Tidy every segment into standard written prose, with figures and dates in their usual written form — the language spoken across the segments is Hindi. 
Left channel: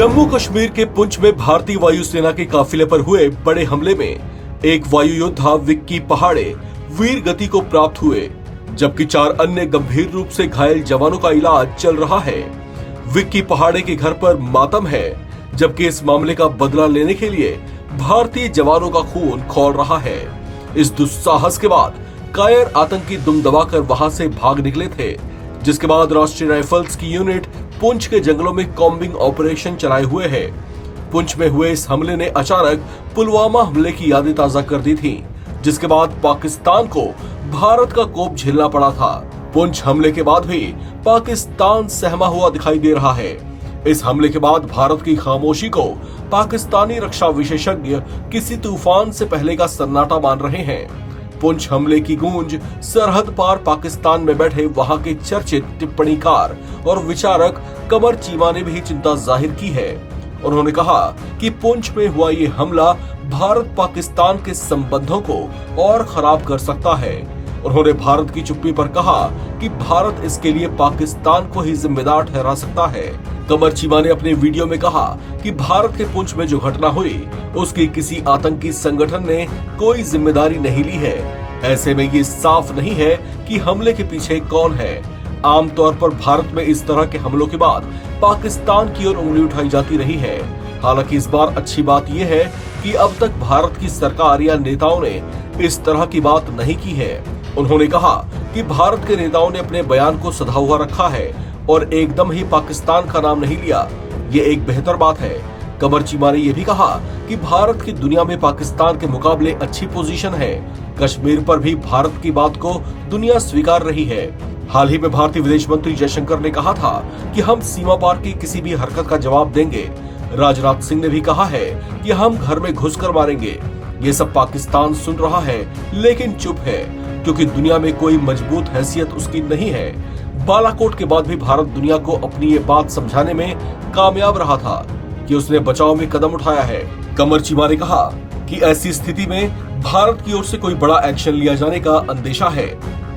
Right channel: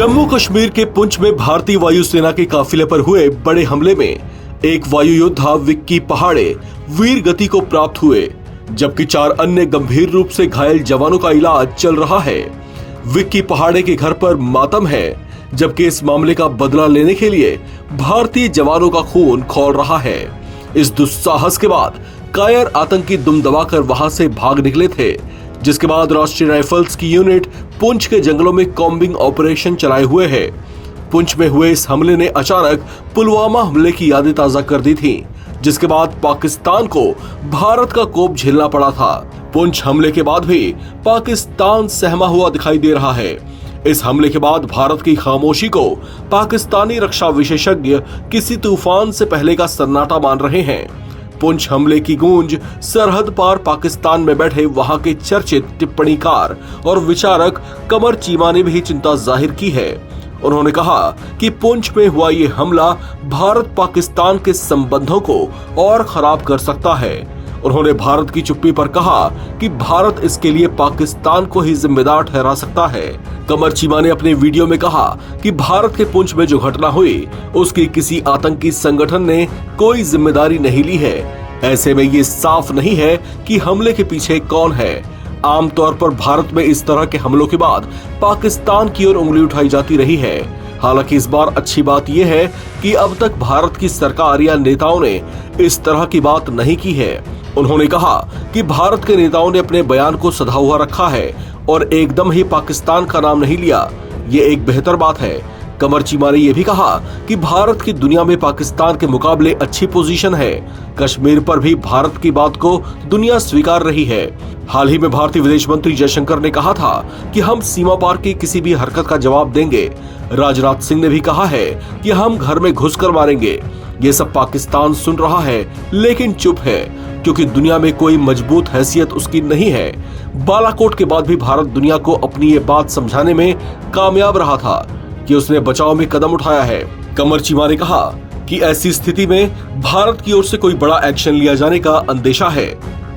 जम्मू कश्मीर के पुंछ में भारतीय वायुसेना के काफिले पर हुए बड़े हमले में एक वायु योद्धा विक्की पहाड़े वीर गति को प्राप्त हुए, जबकि 4 अन्य गंभीर रूप से घायल जवानों का इलाज चल रहा है। विक्की पहाड़े के घर पर मातम है, जबकि इस मामले का बदला लेने के लिए भारतीय जवानों का खून खौल रहा है। इस दुस्साहस के बाद कायर आतंकी दुम दबाकर वहां से भाग निकले थे, जिसके बाद राष्ट्रीय राइफल्स की यूनिट पुंछ के जंगलों में कॉम्बिंग ऑपरेशन चलाए हुए है। पुंछ में हुए इस हमले ने अचानक पुलवामा हमले की यादें ताजा कर दी थी, जिसके बाद पाकिस्तान को भारत का कोप झेलना पड़ा था। पुंछ हमले के बाद भी पाकिस्तान सहमा हुआ दिखाई दे रहा है। इस हमले के बाद भारत की खामोशी को पाकिस्तानी रक्षा विशेषज्ञ किसी तूफान से पहले का सन्नाटा मान रहे हैं। पुंछ हमले की गूंज सरहद पार पाकिस्तान में बैठे वहां के चर्चित टिप्पणीकार और विचारक कमर चीमा ने भी चिंता जाहिर की है। उन्होंने कहा कि पुंछ में हुआ ये हमला भारत पाकिस्तान के संबंधों को और खराब कर सकता है। उन्होंने भारत की चुप्पी पर कहा कि भारत इसके लिए पाकिस्तान को ही जिम्मेदार ठहरा सकता है। कमर चीमा ने अपने वीडियो में कहा कि भारत के पुंछ में जो घटना हुई उसकी किसी आतंकी संगठन ने कोई जिम्मेदारी नहीं ली है। ऐसे में ये साफ नहीं है कि हमले के पीछे कौन है। आमतौर पर भारत में इस तरह के हमलों के बाद पाकिस्तान की ओर उंगली उठाई जाती रही है। हालांकि इस बार अच्छी बात यह है कि अब तक भारत की सरकार या नेताओं ने इस तरह की बात नहीं की है। उन्होंने कहा कि भारत के नेताओं ने अपने बयान को सधा हुआ रखा है और एकदम ही पाकिस्तान का नाम नहीं लिया। ये एक बेहतर बात है। कमर चीमा ने यह भी कहा कि भारत की दुनिया में पाकिस्तान के मुकाबले अच्छी पोजीशन है। कश्मीर पर भी भारत की बात को दुनिया स्वीकार रही है। हाल ही में भारतीय विदेश मंत्री जयशंकर ने कहा था कि हम सीमा पार की किसी भी हरकत का जवाब देंगे। राजनाथ सिंह ने भी कहा है कि हम घर में घुसकर मारेंगे। ये सब पाकिस्तान सुन रहा है लेकिन चुप है, क्योंकि दुनिया में कोई मजबूत हैसियत उसकी नहीं है। बालाकोट के बाद भी भारत दुनिया को अपनी ये बात समझाने में कामयाब रहा था कि उसने बचाव में कदम उठाया है। कमर चीमा ने कहा कि ऐसी स्थिति में भारत की ओर से कोई बड़ा एक्शन लिया जाने का अंदेशा है।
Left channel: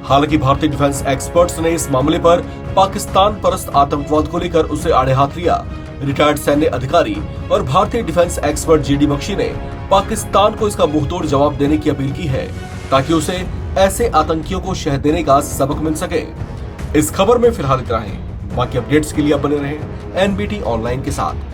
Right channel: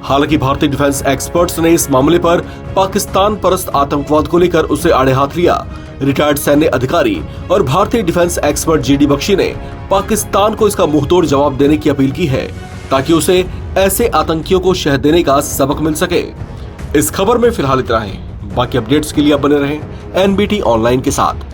हालांकि भारतीय डिफेंस एक्सपर्ट्स ने इस मामले पर पाकिस्तान परस्त आतंकवाद को लेकर उसे आड़े हाथ लिया। रिटायर्ड सैन्य अधिकारी और भारतीय डिफेंस एक्सपर्ट जीडी बख्शी ने पाकिस्तान को इसका मुंहतोड़ जवाब देने की अपील की है, ताकि उसे ऐसे आतंकियों को शह देने का सबक मिल सके। इस खबर में फिलहाल इतना ही। बाकी अपडेट्स के लिए आप बने रहें एनबीटी ऑनलाइन के साथ।